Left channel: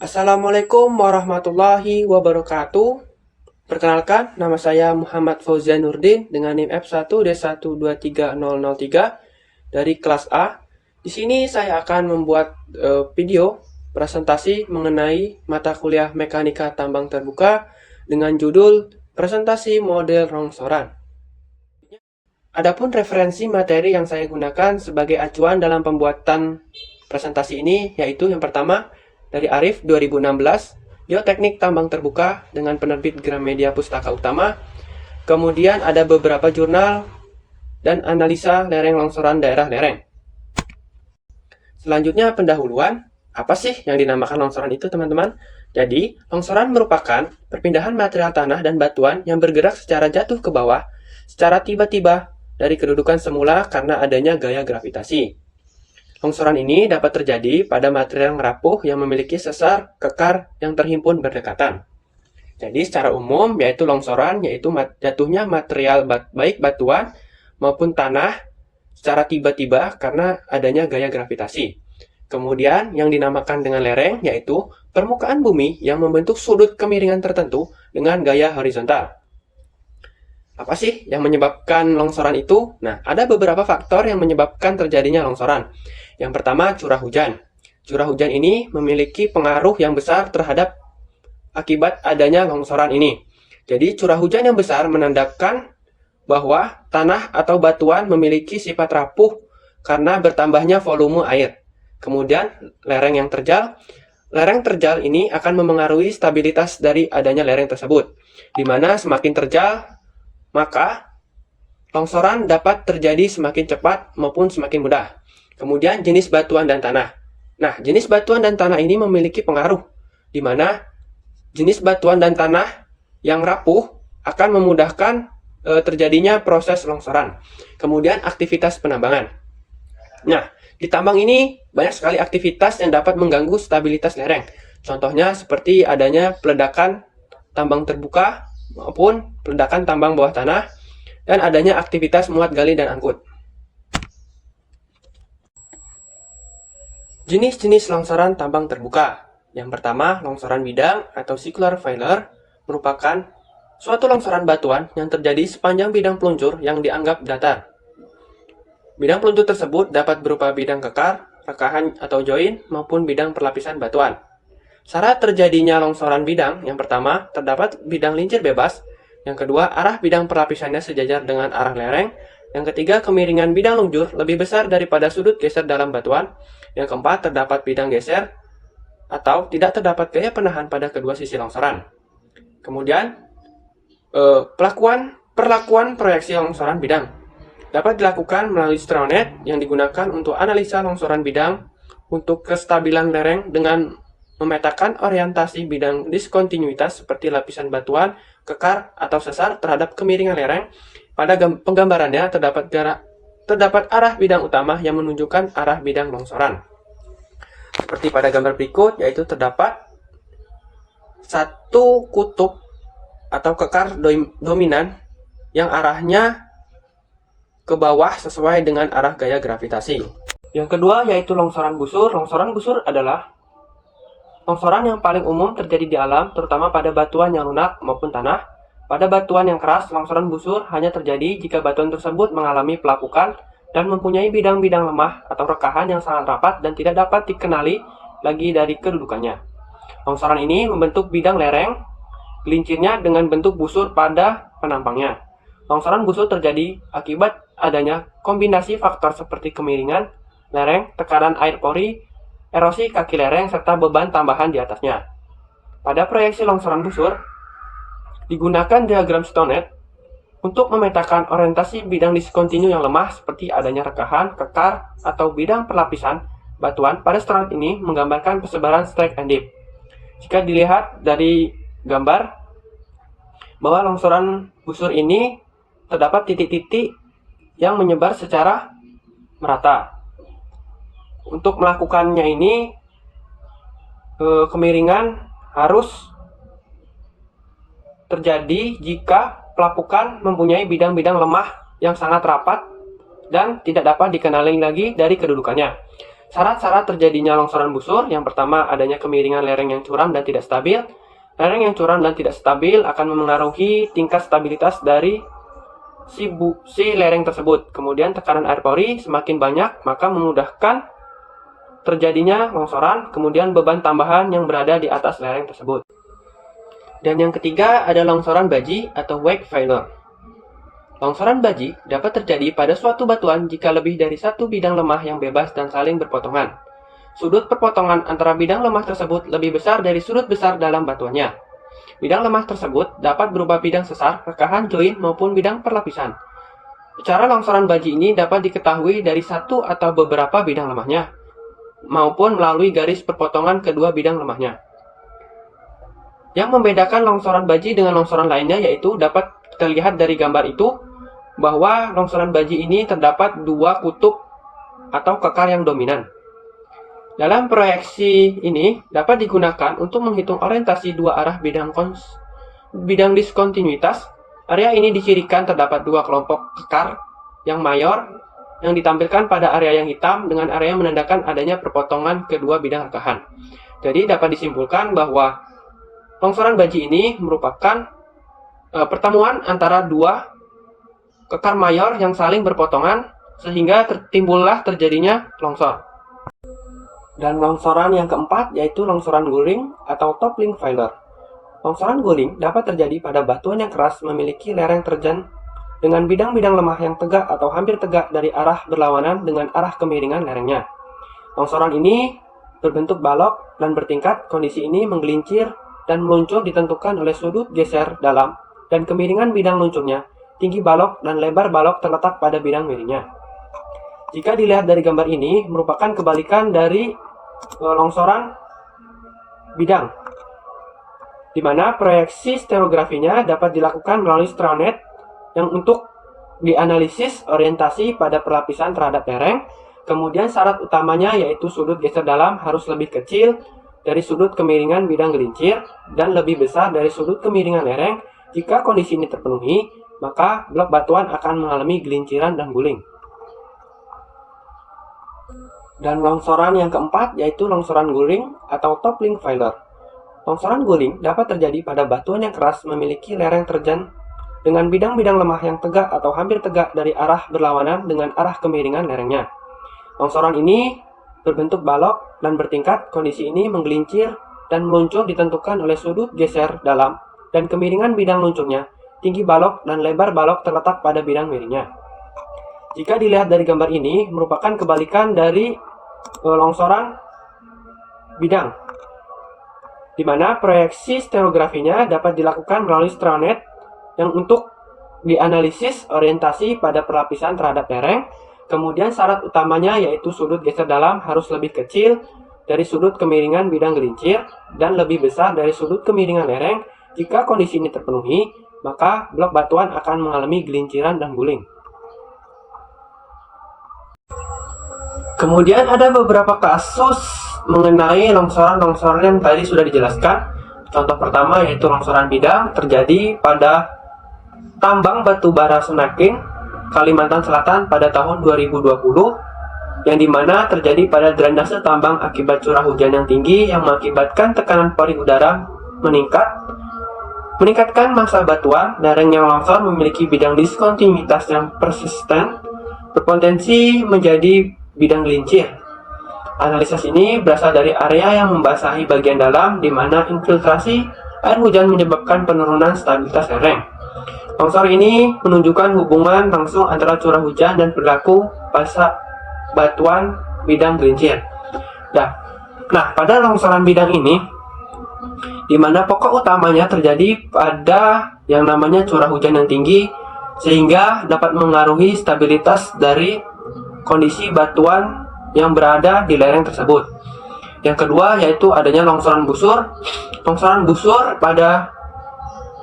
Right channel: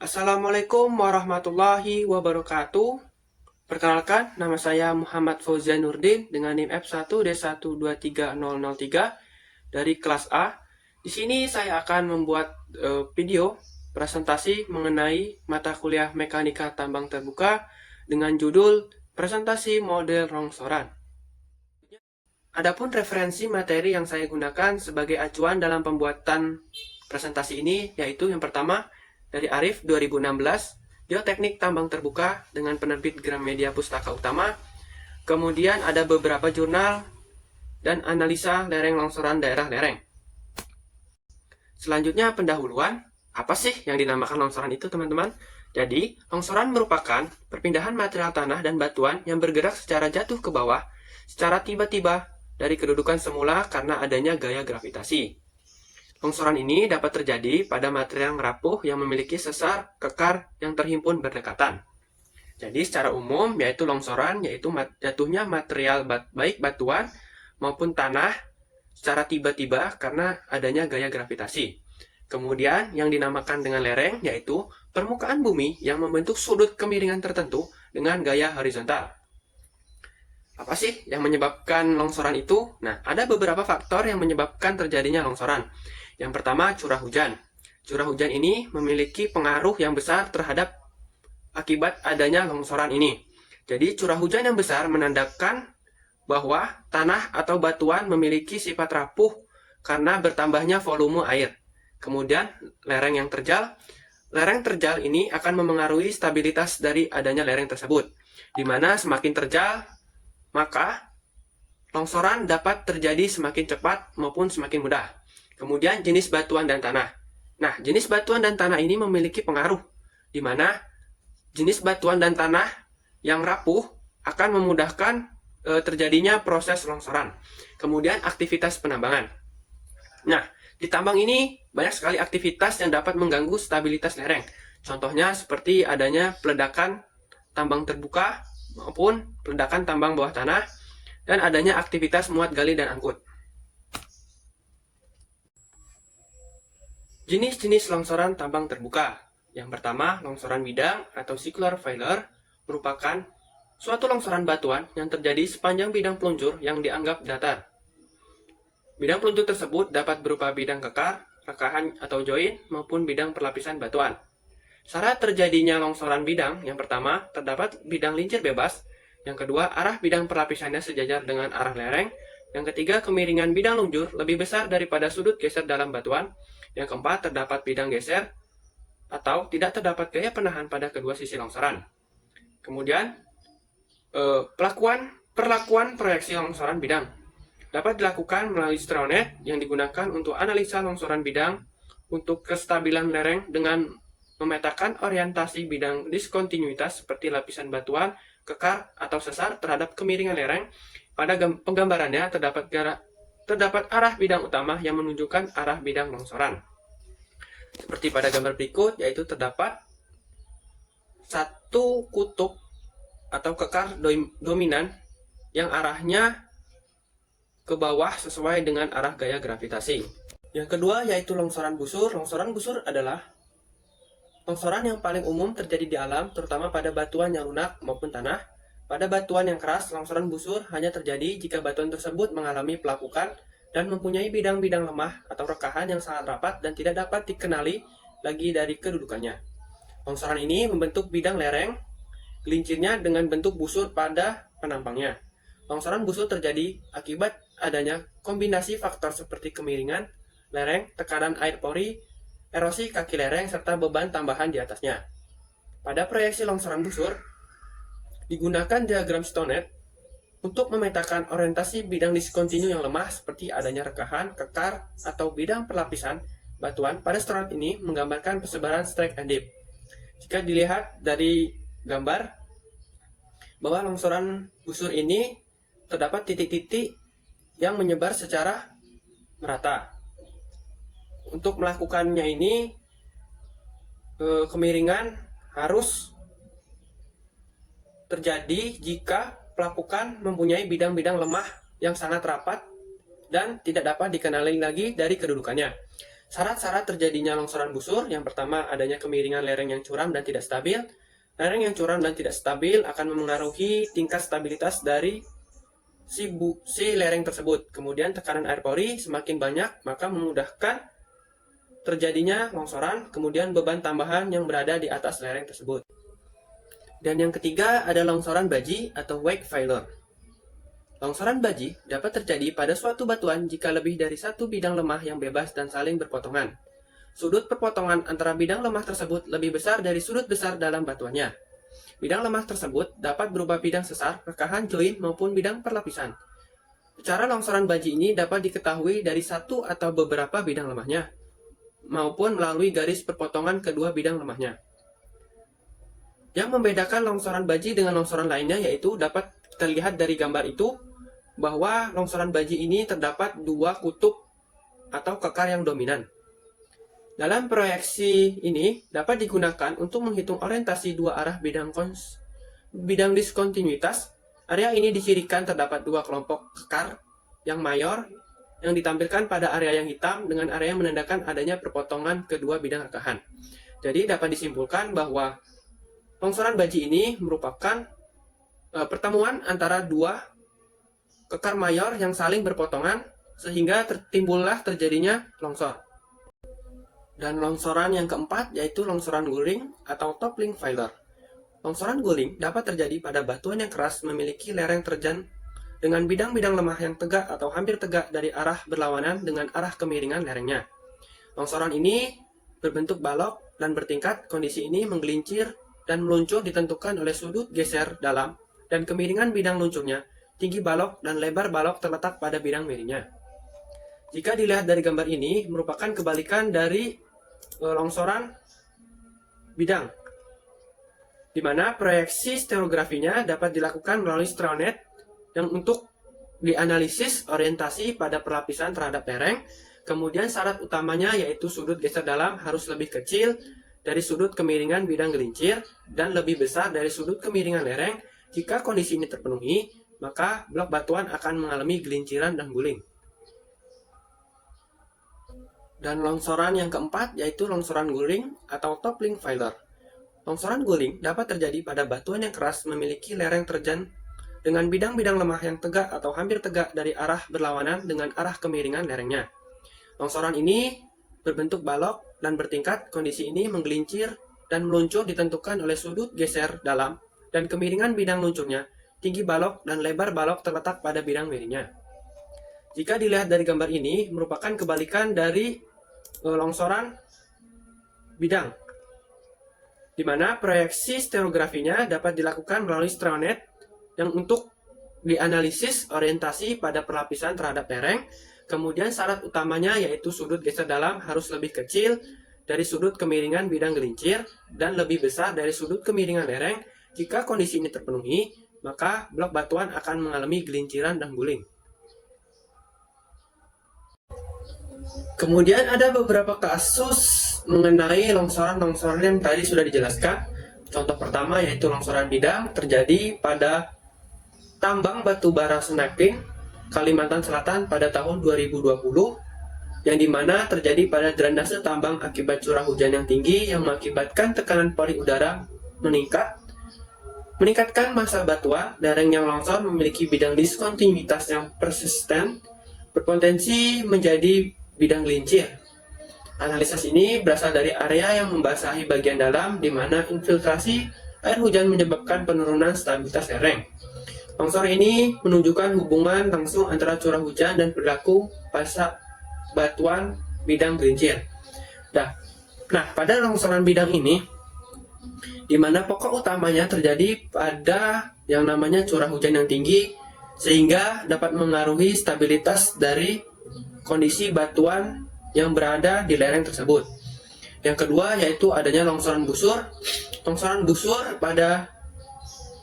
Assalamualaikum warahmatullahi wabarakatuh. Perkenalkan, nama saya Muhammad Fauzian Nurdin dengan NIM F1D1230003 dari kelas A. Di sini saya akan membuat video presentasi mengenai mata kuliah Mekanika Tambang Terbuka dengan judul Presentasi Model Longsoran. Adapun referensi materi yang saya gunakan sebagai acuan dalam pembuatan presentasi ini yaitu yang pertama dari Arif 2016, Geoteknik Tambang Terbuka dengan penerbit Gramedia Pustaka Utama. Kemudian ada beberapa jurnal dan analisa lereng longsoran daerah lereng. Selanjutnya pendahuluan, apa sih yang dinamakan longsoran itu teman-teman? Jadi, longsoran merupakan perpindahan material tanah dan batuan yang bergerak secara jatuh ke bawah secara tiba-tiba dari kedudukan semula karena adanya gaya gravitasi. Longsoran ini dapat terjadi pada material yang rapuh yang memiliki sesar kekar yang terhimpun berdekatan. Jadi secara umum yaitu longsoran yaitu jatuhnya material baik batuan maupun tanah secara tiba-tiba karena adanya gaya gravitasi. Kemudian yang dinamakan dengan lereng yaitu permukaan bumi yang membentuk sudut kemiringan tertentu dengan gaya horizontal. Apa sih yang menyebabkan longsoran itu? Nah, ada beberapa faktor yang menyebabkan terjadinya longsoran. Yang pertama, curah hujan. Curah hujan ini memiliki pengaruh yang besar terhadap akibat adanya longsoran ini. Jadi, curah hujan yang besar menandakan bahwa tanah atau batuan memiliki sifat rapuh karena bertambahnya volume air. Kemudian, lereng terjal ini akan memengaruhi stabilitas dari adanya lereng tersebut, di mana semakin terjal, maka longsoran dapat terjadi semakin cepat maupun semakin mudah. Kemudian jenis batuan dan tanah. Nah, jenis batuan dan tanah ini memiliki pengaruh, di mana jenis batuan dan tanah yang rapuh akan memudahkan terjadinya proses longsoran. Kemudian aktivitas penambangan. Nah, di tambang ini banyak sekali aktivitas yang dapat mengganggu stabilitas lereng. Contohnya seperti adanya peledakan tambang terbuka maupun peledakan tambang bawah tanah dan adanya aktivitas muat gali dan angkut. Jenis-jenis longsoran tambang terbuka. Yang pertama, longsoran bidang atau circular failure merupakan suatu longsoran batuan yang terjadi sepanjang bidang peluncur yang dianggap datar. Bidang peluncur tersebut dapat berupa bidang kekar, rekahan atau join, maupun bidang perlapisan batuan. Syarat terjadinya longsoran bidang, yang pertama, terdapat bidang lincir bebas. Yang kedua, arah bidang perlapisannya sejajar dengan arah lereng. Yang ketiga, kemiringan bidang lunjur lebih besar daripada sudut geser dalam batuan. Yang keempat, terdapat bidang geser atau tidak terdapat gaya penahan pada kedua sisi longsoran. Kemudian, perlakuan proyeksi longsoran bidang dapat dilakukan melalui Stronet yang digunakan untuk analisa longsoran bidang untuk kestabilan lereng dengan memetakan orientasi bidang diskontinuitas seperti lapisan batuan, kekar, atau sesar terhadap kemiringan lereng. Pada penggambarannya terdapat arah bidang utama yang menunjukkan arah bidang longsoran. Seperti pada gambar berikut, yaitu terdapat satu kutub atau kekar dominan yang arahnya ke bawah sesuai dengan arah gaya gravitasi. Yang kedua yaitu longsoran busur. Longsoran busur adalah longsoran yang paling umum terjadi di alam, terutama pada batuan yang lunak maupun tanah. Pada batuan yang keras, longsoran busur hanya terjadi jika batuan tersebut mengalami pelapukan dan mempunyai bidang-bidang lemah atau rekahan yang sangat rapat dan tidak dapat dikenali lagi dari kedudukannya. Longsoran ini membentuk bidang lereng, gelincirnya dengan bentuk busur pada penampangnya. Longsoran busur terjadi akibat adanya kombinasi faktor seperti kemiringan lereng, tekanan air pori, erosi kaki lereng, serta beban tambahan di atasnya. Pada proyeksi longsoran busur, digunakan diagram Stronet untuk memetakan orientasi bidang diskontinu yang lemah seperti adanya rekahan, kekar, atau bidang perlapisan batuan. Pada Stronet ini menggambarkan persebaran strike and dip. Jika dilihat dari gambar bahwa longsoran busur ini terdapat titik-titik yang menyebar secara merata. Untuk melakukannya ini kemiringan harus terjadi jika pelapukan mempunyai bidang-bidang lemah yang sangat rapat dan tidak dapat dikenali lagi dari kedudukannya. Syarat-syarat terjadinya longsoran busur, yang pertama adanya kemiringan lereng yang curam dan tidak stabil. Lereng yang curam dan tidak stabil akan memengaruhi tingkat stabilitas dari si lereng tersebut. Kemudian tekanan air pori semakin banyak, maka memudahkan terjadinya longsoran, kemudian beban tambahan yang berada di atas lereng tersebut. Dan yang ketiga ada longsoran baji atau wake failure. Longsoran baji dapat terjadi pada suatu batuan jika lebih dari satu bidang lemah yang bebas dan saling berpotongan. Sudut perpotongan antara bidang lemah tersebut lebih besar dari sudut besar dalam batuannya. Bidang lemah tersebut dapat berupa bidang sesar, rekahan, join, maupun bidang perlapisan. Cara longsoran baji ini dapat diketahui dari satu atau beberapa bidang lemahnya, maupun melalui garis perpotongan kedua bidang lemahnya. Yang membedakan longsoran baji dengan longsoran lainnya yaitu dapat kita lihat dari gambar itu bahwa longsoran baji ini terdapat dua kutub atau kekar yang dominan. Dalam proyeksi ini dapat digunakan untuk menghitung orientasi dua arah bidang diskontinuitas. Area ini dicirikan terdapat dua kelompok kekar yang mayor yang ditampilkan pada area yang hitam dengan area yang menandakan adanya perpotongan kedua bidang rekahan. Jadi dapat disimpulkan bahwa longsoran baji ini merupakan pertemuan antara dua kekar mayor yang saling berpotongan sehingga terjadinya longsor. Dan longsoran yang keempat yaitu longsoran guling atau toppling failure. Longsoran guling dapat terjadi pada batuan yang keras memiliki lereng terjal dengan bidang-bidang lemah yang tegak atau hampir tegak dari arah berlawanan dengan arah kemiringan lerengnya. Longsoran ini berbentuk balok dan bertingkat. Kondisi ini menggelincir dan meluncur ditentukan oleh sudut geser dalam dan kemiringan bidang luncurnya. Tinggi balok dan lebar balok terletak pada bidang miringnya. Jika dilihat dari gambar ini, merupakan kebalikan dari longsoran bidang, di mana proyeksi stereografinya dapat dilakukan melalui stronet yang untuk dianalisis orientasi pada perlapisan terhadap lereng. Kemudian syarat utamanya yaitu sudut geser dalam harus lebih kecil dari sudut kemiringan bidang gelincir dan lebih besar dari sudut kemiringan lereng. Jika kondisi ini terpenuhi, maka blok batuan akan mengalami gelinciran dan guling. Dan longsoran yang keempat yaitu longsoran guling atau toppling failure. Longsoran guling dapat terjadi pada batuan yang keras memiliki lereng terjal dengan bidang-bidang lemah yang tegak atau hampir tegak dari arah berlawanan dengan arah kemiringan lerengnya. Longsoran ini berbentuk balok dan bertingkat. Kondisi ini menggelincir dan meluncur ditentukan oleh sudut geser dalam dan kemiringan bidang luncurnya. Tinggi balok dan lebar balok terletak pada bidang miringnya. Jika dilihat dari gambar ini, merupakan kebalikan dari longsoran bidang, di mana proyeksi stereografinya dapat dilakukan melalui stronet yang untuk dianalisis orientasi pada perlapisan terhadap lereng. Kemudian syarat utamanya yaitu sudut geser dalam harus lebih kecil dari sudut kemiringan bidang gelincir dan lebih besar dari sudut kemiringan lereng. Jika kondisi ini terpenuhi, maka blok batuan akan mengalami gelinciran dan guling. Kemudian ada beberapa kasus mengenai longsoran-longsoran yang tadi sudah dijelaskan. Contoh pertama yaitu longsoran bidang terjadi pada tambang batu bara Senaping, Kalimantan Selatan pada tahun 2020, yang dimana terjadi pada drainase tambang akibat curah hujan yang tinggi yang mengakibatkan tekanan pori udara meningkatkan massa batuan. Lereng yang longsor memiliki bidang diskontinuitas yang persisten, berpotensi menjadi bidang gelincir. Analisis ini berasal dari area yang membasahi bagian dalam di mana infiltrasi air hujan menyebabkan penurunan stabilitas lereng. Longsor ini menunjukkan hubungan langsung antara curah hujan dan perilaku massa batuan bidang gelincir. Nah, pada longsoran bidang ini, di mana pokok utamanya terjadi pada yang namanya curah hujan yang tinggi, sehingga dapat mengaruhi stabilitas dari kondisi batuan yang berada di lereng tersebut. Yang kedua yaitu adanya longsoran busur. Longsoran busur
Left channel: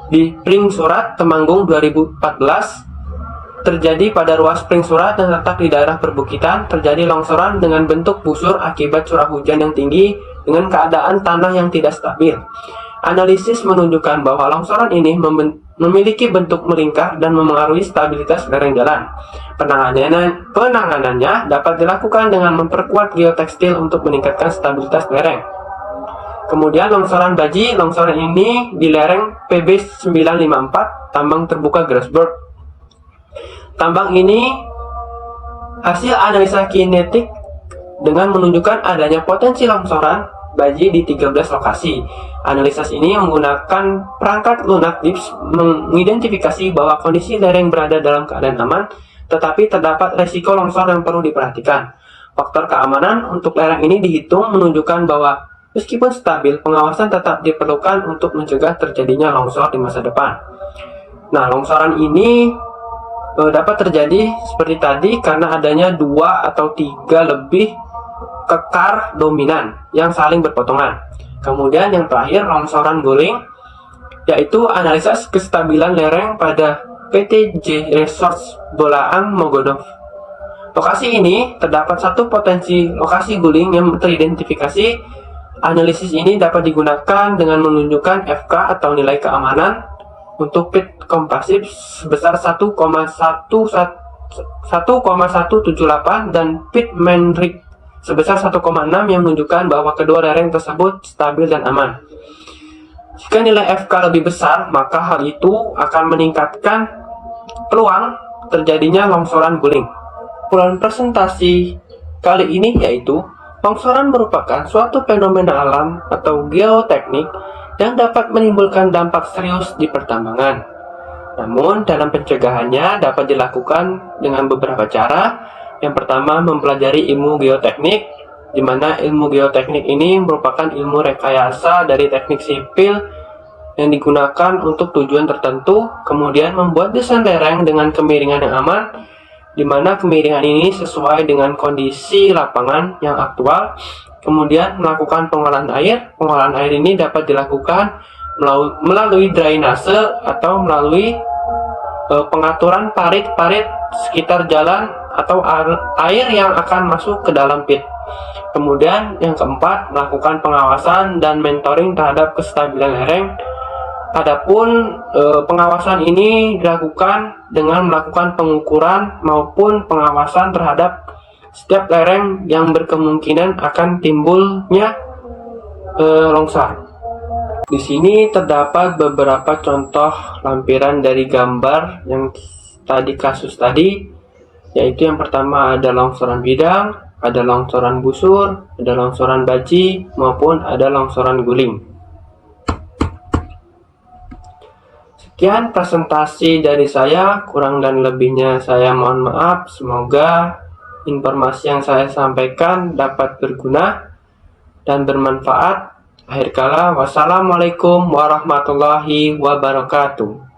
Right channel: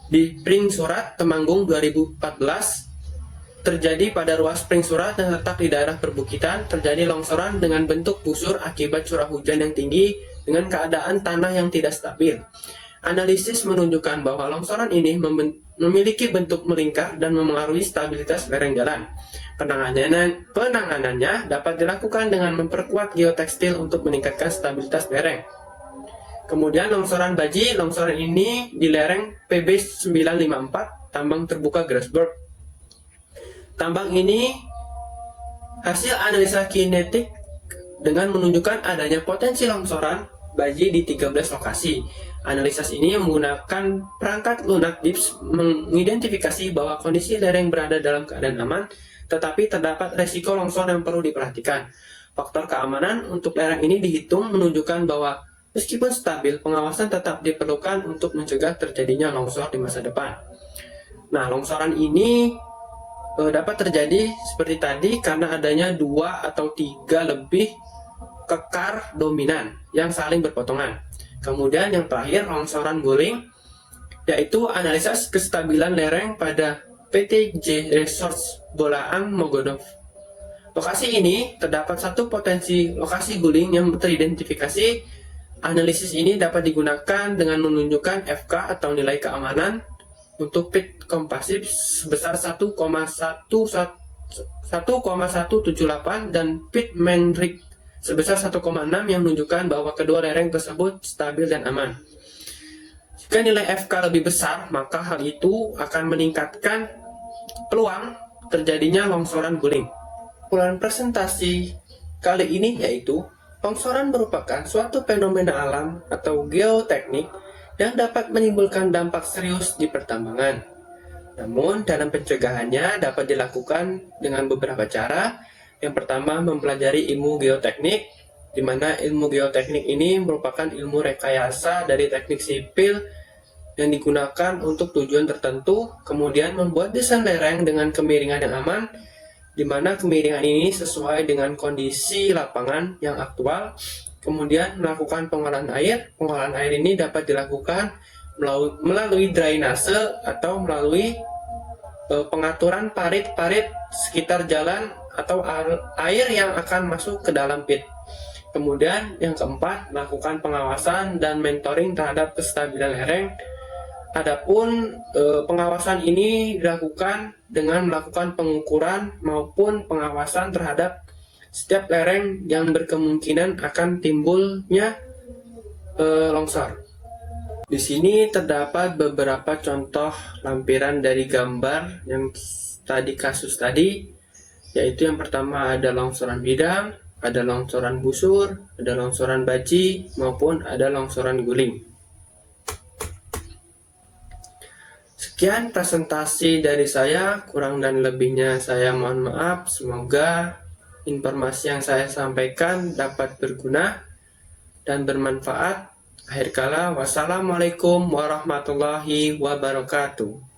di Pring Surat, Temanggung 2014 terjadi pada ruas Pring Surat yang terletak di daerah perbukitan. Terjadi longsoran dengan bentuk busur akibat curah hujan yang tinggi dengan keadaan tanah yang tidak stabil. Analisis menunjukkan bahwa longsoran ini memiliki bentuk melingkar dan memengaruhi stabilitas lereng jalan. Penanganannya dapat dilakukan dengan memperkuat geotekstil untuk meningkatkan stabilitas lereng. Kemudian longsoran baji, longsoran ini di lereng PB 954, tambang terbuka Grasberg. Tambang ini hasil analisa kinetik dengan menunjukkan adanya potensi longsoran baji di 13 lokasi. Analisis ini menggunakan perangkat lunak dips mengidentifikasi bahwa kondisi lereng berada dalam keadaan aman, tetapi terdapat resiko longsor yang perlu diperhatikan. Faktor keamanan untuk lereng ini dihitung menunjukkan bahwa meskipun stabil, pengawasan tetap diperlukan untuk mencegah terjadinya longsor di masa depan. Nah, longsoran ini dapat terjadi seperti tadi karena adanya 2 atau 3 lebih kekar dominan yang saling berpotongan. Kemudian yang terakhir, longsoran guling, yaitu analisis kestabilan lereng pada PTJ Resource Bolaang Mogodov. Lokasi ini terdapat satu potensi lokasi guling yang teridentifikasi. Analisis ini dapat digunakan dengan menunjukkan FK atau nilai keamanan untuk pit kompasif sebesar 1,178 dan pit main rig sebesar 1,6 yang menunjukkan bahwa kedua lereng tersebut stabil dan aman. Jika nilai FK lebih besar, maka hal itu akan meningkatkan peluang terjadinya longsoran guling. Kesimpulan presentasi kali ini yaitu longsoran merupakan suatu fenomena alam atau geoteknik yang dapat menimbulkan dampak serius di pertambangan. Namun, dalam pencegahannya dapat dilakukan dengan beberapa cara. Yang pertama, mempelajari ilmu geoteknik, di mana ilmu geoteknik ini merupakan ilmu rekayasa dari teknik sipil yang digunakan untuk tujuan tertentu. Kemudian membuat desain lereng dengan kemiringan yang aman, di mana kemiringan ini sesuai dengan kondisi lapangan yang aktual. Kemudian melakukan pengolahan air. Pengolahan air ini dapat dilakukan melalui drainase atau melalui pengaturan parit-parit sekitar jalan atau air yang akan masuk ke dalam pit. Kemudian yang keempat, melakukan pengawasan dan mentoring terhadap kestabilan lereng. Adapun pengawasan ini dilakukan dengan melakukan pengukuran maupun pengawasan terhadap setiap lereng yang berkemungkinan akan timbulnya longsor. Di sini terdapat beberapa contoh lampiran dari gambar yang kasus tadi, yaitu yang pertama ada longsoran bidang, ada longsoran busur, ada longsoran baji, maupun ada longsoran guling. Sekian presentasi dari saya, kurang dan lebihnya saya mohon maaf. Semoga informasi yang saya sampaikan dapat berguna dan bermanfaat. Akhir kala, wassalamualaikum warahmatullahi wabarakatuh.